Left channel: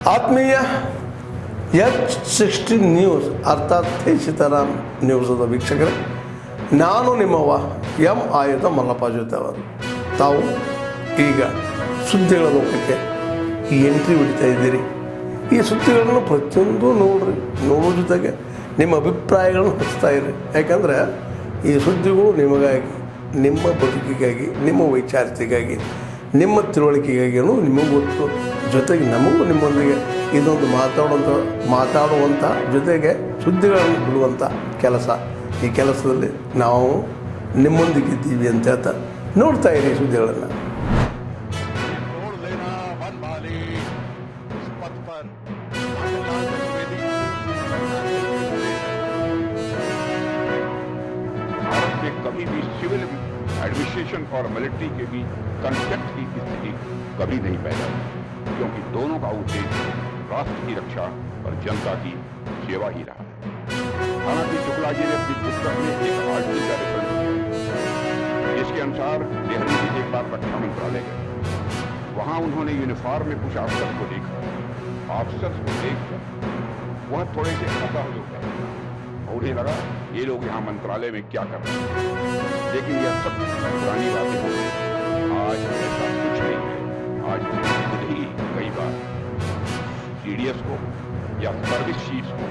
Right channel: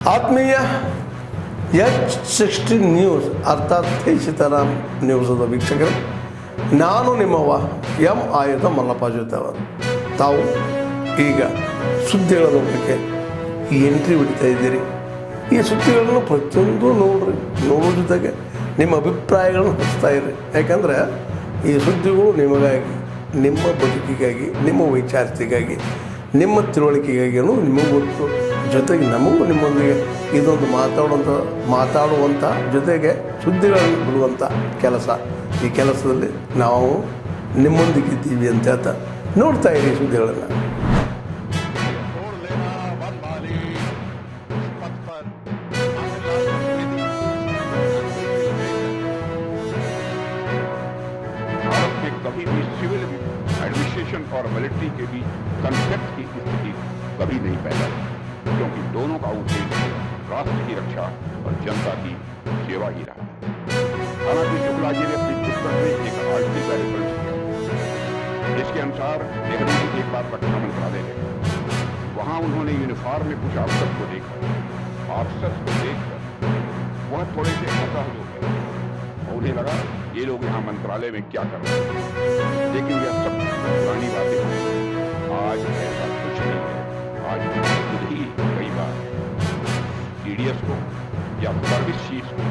ಆತ್ಮೀಯ H60 news ಅರ್ಥಾತ್ ಸೀತಾರಾಮ್ ನ್ಯೂಸದ ವೀಕ್ಷಕರೇ, ನಾನು ನಿಮ್ಮವ ಎಂ ಆಯುಧ ಮಲ್ಲಪ್ಪ ಜೊತೆವರು. ತಾವು ಈಗ ಸುದ್ದಿಗಳ ಲೋಕಕ್ಕೆ ಎಂಟ್ರಿ ಹೊಡಿತಾ ಇದ್ದೀರಿ. ಈ ಸುದ್ದಿಗಳನ್ನು ಪ್ರತಿಯೊಂದು ನೋಡೋ ಜೊತೆಗೆ ನಿಮ್ಮ ಅಭಿಪ್ರಾಯಗಳನ್ನು ಹಚ್ತಾ ಇರಿ. ಯಾಕಂದರೆ ಈ ಸುದ್ದಿಗಳು ನಿಮಗಾಗಿ, ನಿಮ್ಮ ಬದುಕಿಗಾಗಿ, ನಿಮ್ಮ ವೈಚಾರಿಕೆಗಾಗಿ, ನಿಮ್ಮ ತಿಳುವಳಿಕೆಗಾಗಿಯೂ ನಿಮಗೂ ಗೊತ್ತು. ಜೊತೆಗೆ ನಮಗೂ ನಿಮ್ಮೊಂದಿಗೆ ಇದೊಂದು ಮಾತಾಡುವಂಥ ಜೊತೆಗೆ ಸುದ್ದಿಗಳನ್ನು ಬಿಡುವಂಥ ಕೆಲಸ. ಈ ಕೆಲಸದಲ್ಲಿ ನಾವು ನಿಮ್ಮೊಂದಿಗಿದ್ದೀವಿ ಅಂತ ಹೇಳ್ತಾ ನೋಡ್ತಾ ಇರಿ ಸುದ್ದಿಗಳನ್ನು. भारत में कभी भी सिविल एडमिनिस्ट्रेशन और मिलिट्री के बीच कॉन्फ्लिक्ट की स्थिति कभी नहीं पैदा हुई, क्योंकि दोनों का उद्देश्य राष्ट्र की रक्षा और जनता की सेवा ही रहा है. हालांकि शुक्ला जी ने अपनी पुस्तक में एक आर्टिकल का रेफरेंस किया है, जिसके अनुसार नेहरू जी एक बार रक्षा मंत्रालय गए. वहां उन्होंने यूनिफॉर्म में कुछ ऑफिसर्स को देखा. ऑफिसर्स को देखकर वह थोड़े से असहज हो गए और उन्हें लगा ये लोग यहाँ मंत्रालय में क्या कर रहे हैं. लेकिन यह सब पुरानी बातें हो गई. आज ऐसा कुछ नहीं है. आज खुद ही कई बार सीडीएस को या सर्विस चीफ्स को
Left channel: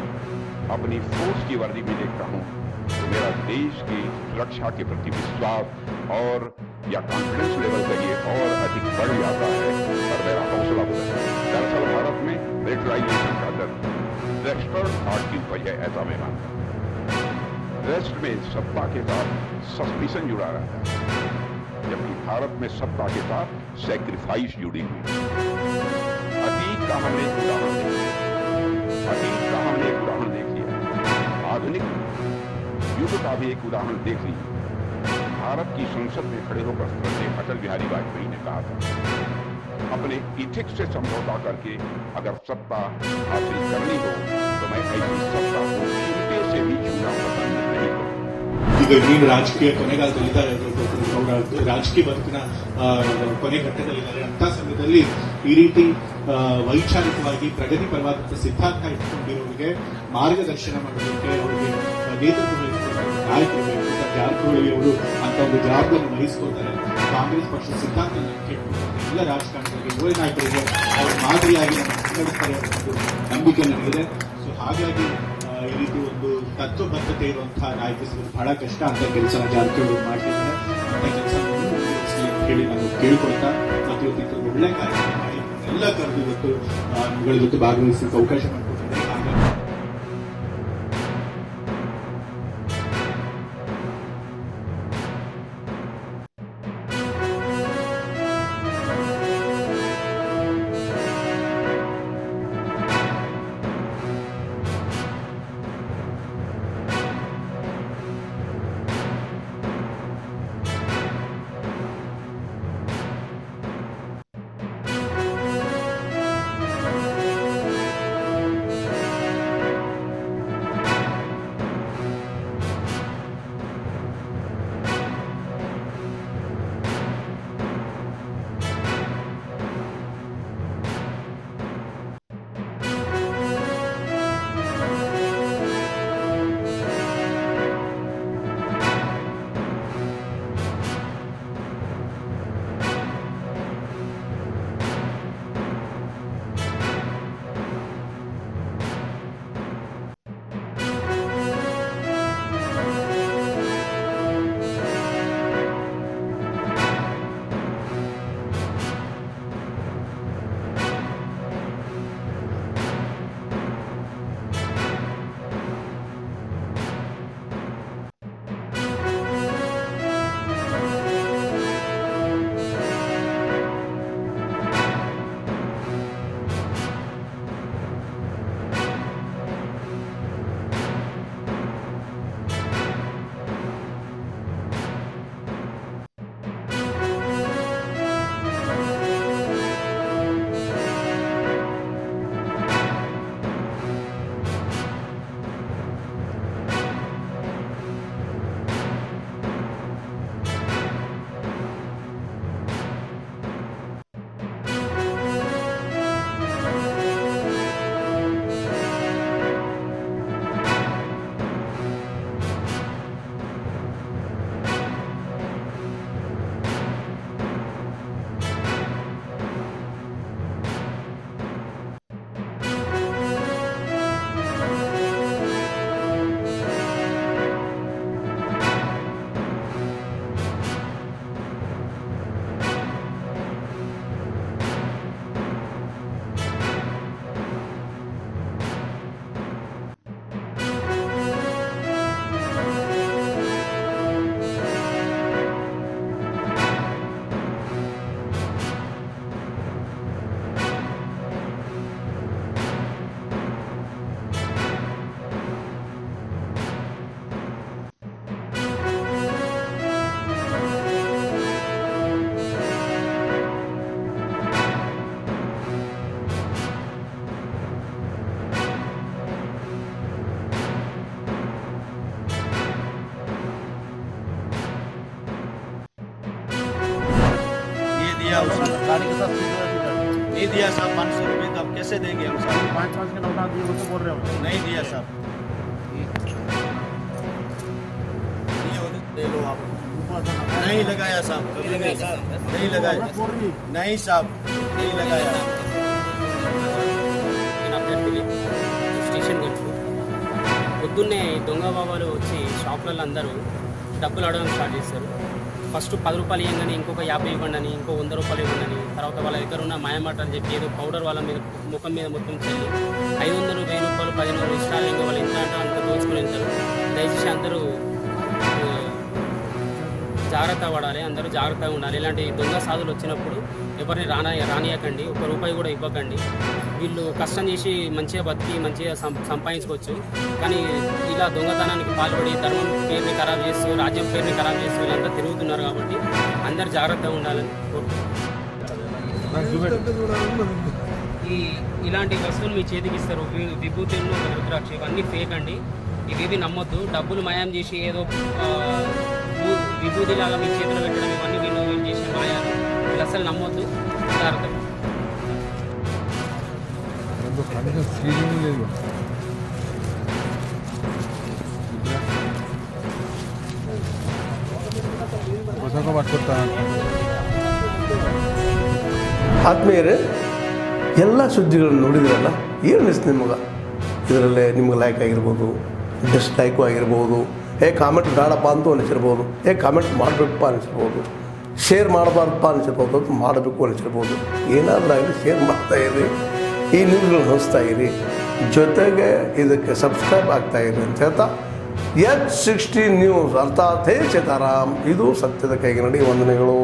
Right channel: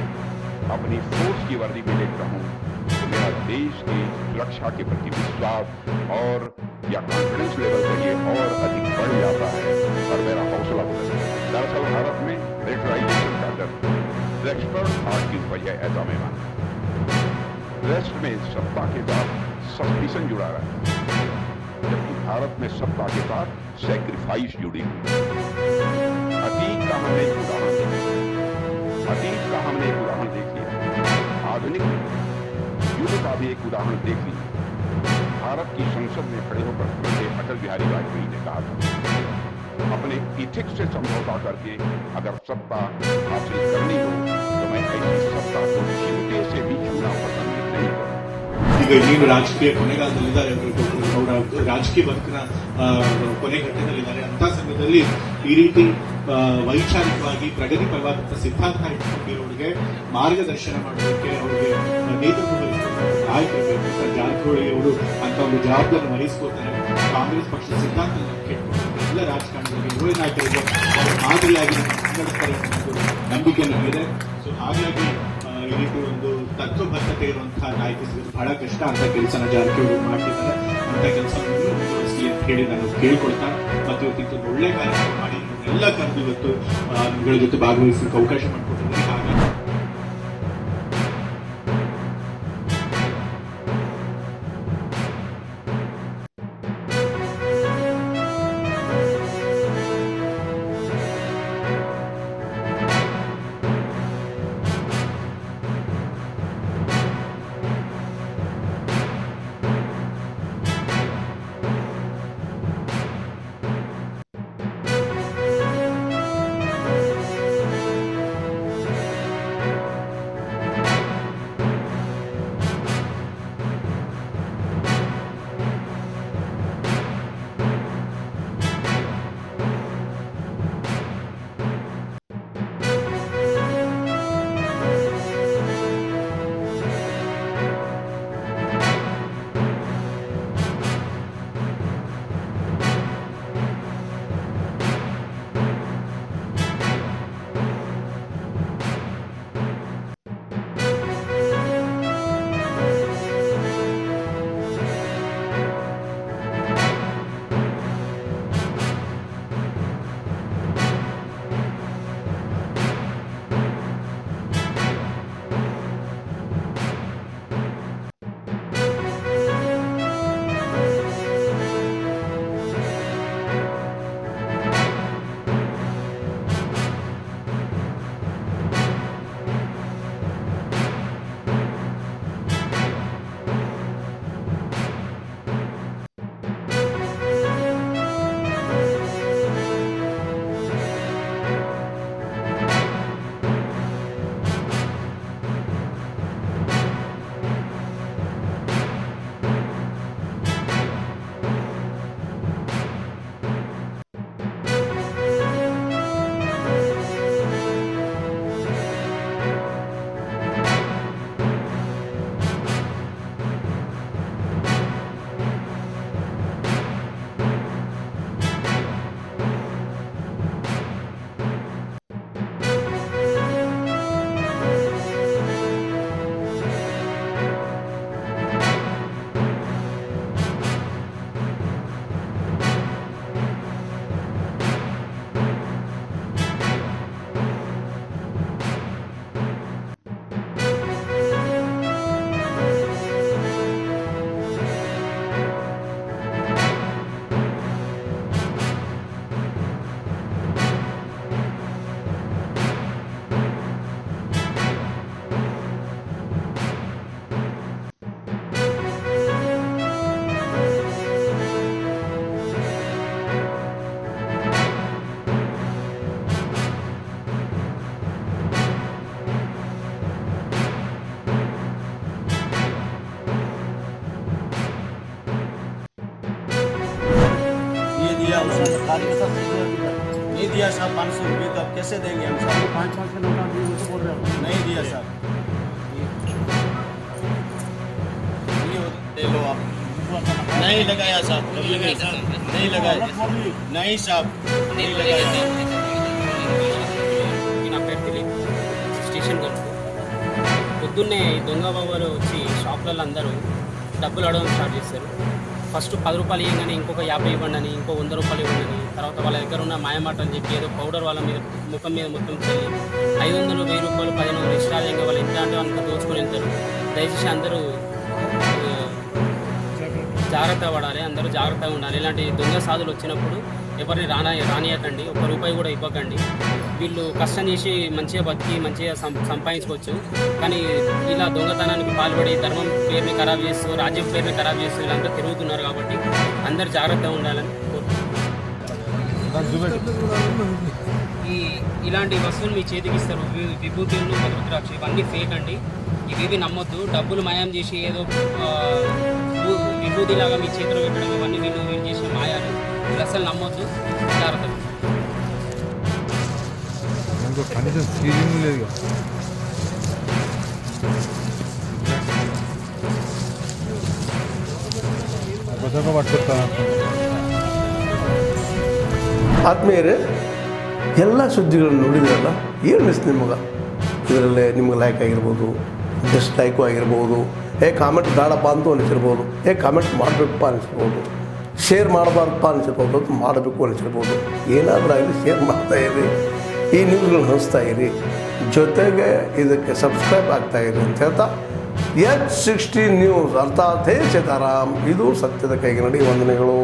अपनी फोर्स की वर्दी में देखता हूँ तो मेरा देश की सुरक्षा के प्रति विश्वास और या कॉन्फिडेंस लेवल कहिए और अधिक बढ़ जाता है और मेरा हौसला बुलंद है. दरअसल भारत में मिलिटराइजेशन का डर वेस्टर्न थॉट की उपज है, ऐसा मैं मानता हूँ. वेस्ट में सत्ता के साथ सस्पिशन जुड़ा रहता है, जबकि भारत में सत्ता के साथ सैक्रिफाइस जुड़ी हुई है. अतीत का हमने एक उदाहरण देख लिया. आधुनिक युग का भी एक उदाहरण देख लीजिए. भारत की संसद में खड़े होकर श्रद्धेय अटल बिहारी वाजपेयी ने कहा था, अपने इथिक्स से समझौता करके अगर सत्ता हासिल करनी हो तो मैं ऐसी सत्ता को चिमटे से भी छूना पसंद नहीं करूं. ಈಗ ಇನ್ನೇನು ರಾಜಕೀಯ ಕೊನೆಗಾಲದಲ್ಲಿದ್ದಾರೆ, ಅವರ ರಾಜಕೀಯ ಬದುಕಿನ ಕೊನೆ ಘಟ್ಟದಲ್ಲಿದ್ದಾರೆ. ಅಂತ ಸಮಯದಲ್ಲಿ ಈ ರೀತಿ ವೈಚಾರಿಕವಾಗಿ ಪ್ರಗತಿ ಪರವಾದಂತಹ ಸಿದ್ಧಾಂತ ಇಟ್ಕೊಂಡಿರೋರಿಗೆ ಮಾರ್ಗದರ್ಶನ ಮಾಡೋದಕ್ಕೆ, ಅವರಿಗೆ ನೇತೃತ್ವ ವಹಿಸಿಕೊಳ್ಳುವ ನಾಯಕರು ಬೇಕು. ಜಾರಕಿಹೊಳಿ ಅವರು ಅಂತ ಒಂದು ಜವಾಬ್ದಾರಿಯನ್ನು ವಹಿಸ್ಕೊಳ್ತಾರೆ. ಕಾಂಗ್ರೆಸ್ ಪಕ್ಷದ ಸಿದ್ಧಾಂತ ಕೆಟ್ಟುಕೊಂಡು ಎಲ್ಲ ರಾಜಕಾರಣಿಗಳಿಗೆ, ಯುವ ನಾಯಕರಿಗೆ ಅವರು ಮಾದರಿಯಾಗಿ ನಮ್ಮ ಮುನ್ನಡೆಸ್ತಾರೆ ಅನ್ನೋ ಒಂದು ನಂಬಿಕೆ ನನಗಿದೆ. ಸೊ ಹಾಗಾಗಿ ಈ ರೀತಿ ಒಂದು ತತ್ವಬದ್ಧತೆ ಇರುವಂತಹ ನಾಯಕ ಸಿಗೋದು ಬಹಳ ಕಷ್ಟ. ಅಂತ ಕೆಲಸನ ಜಾರಕಿಹೊಳಿ ಮಾಡ್ತಿದ್ದಾರೆ. ಅಂತ ಕೆಲಸ ಮುಂದುವರಿಸಲಿ ಅಂತ ಹೇಳಿ ನಾನು ಕೇಳ್ಕೊಳ್ತಾ, ಮತ್ತು ಇವತ್ತು ಒಳ್ಳೆ ಕಾರ್ಯಕ್ರಮ ಮಾಡಿ ಎಲ್ಲ ಕರೆದು ಇವತ್ತು ನಿಗಳ ಜೊತೆ ಭಾಗವಹಿಸಲಿಕ್ಕೆ ಅವಕಾಶ ಮಾಡಿಕೊಟ್ಟಿದ್ದಾರೆ. ಹಾಗಾಗಿ दिया उसने गाड़ी के साथ सीधे अभी तक नहीं दिया साहब 500 रुपये तो अब कैसे देंगे हम साहब 5 के नोटा दिए वो तो बोल रहे हो नहीं दिया साहब ये हो तो दे लो आप नहीं लगाया साहब नहीं लगाया नहीं लगाया नहीं साहब नहीं लगाया నేను అభ్యర్థిని స్టేషన్ కనుక పొద్దున్నే ఈ దొంగ బాబాలు వచ్చి షాపులలో అందరూ డబ్బులు అడగడం స్టార్ట్ చేశారు. ఫస్ట్ 10 రూపాయలు ఇవ్వగానే ఇంకొక 50 ఇవ్వండి అని, ఇంకో 100 రూపాయలు ఇవ్వండి అని, తర్వాత వాళ్ళ దగ్గర ఉన్న మాయమాట అని చెప్పి ఏదో పౌడర్ వాళ్ళ మీద ముఖం మీద మొత్తం చల్లి 500 1000 రూపాయలు 1500 ఇష్టాలు వాళ్ళు ఎంత అంటే అంత దోచుకొని వెళ్తారు. దయచేసి అందరూ జాగ్రత్త పడాలి, అందరూ జాగ్రత్తగా ఉండాలి. ఇలాంటి దొంగ సాధులు వచ్చినప్పుడు ఎవరిని రానియకండి, 1 రూపాయి కూడా ఇవ్వకండి. వీళ్ళు కష్టం చేసి మంచిగా బతికి మంచిగా సంపాదించుకోవచ్చు, కానీ ఇలా దొంగతనానికి పాల్పడి ధర్మం పేరుని ఖరాబ్ చేస్తూ రాజ్యం పేరుని ఖరాబ్ చేస్తూ వీళ్ళంతా తిరుగుతున్నారు. కాబట్టి అందరూ జాగ్రత్తగా ఉండాలని ఇలాంటి వస్తువులు మీ చేతికి ఇస్తారు. విభూతులు, రుద్రాక్ష ఇవన్నీ ఫేక్ అండి. ఇవేవి నమ్మొద్దు. డబ్బులు మయం చేసి ఏదో విభూతిలాగా మీ చేతిలో పెట్టడం ఇవన్నీ వీళ్ళు చేసే మాయాలు. వీళ్ళు అసలు నమ్మొద్దు. జాగ్రత్త. ఫీలింగ్ లేదు పట్టుకొస్తా ಆತ್ಮೀಯರೇ, ಎಲ್ಲ ಸುದ್ದಿಗಳನ್ನು ನೋಡಿದ್ರಲ್ಲ, ಏನು ಅನಿಸ್ತು ನಿಮಗೆ? ಇದರಲ್ಲೇ ನಿಮ್ಗೆ ಲೈಕ್ ಆಗಿರ್ಬೋದು, ಡಿಸ್ಲೈಕು ಆಗಿರ್ಬೋದು, ಕಾಮೆಂಟ್ ಬೇಡಪ್ಪ ಅಂತೂ ಅನಿಸಿರ್ಬೋದು, ಕಾಮೆಂಟ್ ಮಾಡಬೇಕಪ್ಪ ಅನಿಸಿರ್ಬೋದು, ಶೇರ್ ಮಾಡಬಾರ್ದಪ್ಪ ಅನಿಸಿರ್ಬೋದು, ಅದು ಮಾಡಬೇಕು ಅನಿಸಿರ್ಬೋದು. ಏನಾದರೂ ಆಗಲಿ ಶೇರ್ ಮಾಡ್ತಾಯಿರಿ, ಈ ನ್ಯೂಸ್ಗಳನ್ನ ಹಂಚ್ತಾ ಇರಿ, ಜೊತೆಗೆ ಇದಕ್ಕೆ ಸಬ್ಸ್ಕ್ರೈಬ್ ಆಗ್ತಾಯಿರಿ ಅಂತ ಹೇಳ್ತಾ H16 ನ್ಯೂಸ್ ಅರ್ಥಾತ್ ಹೇ ಸೀತಾರಾಮ್, ಇದು ಸತ್ಯದ ಕೈಗೆ ನಡಿ. ವಂದನೆಗಳು.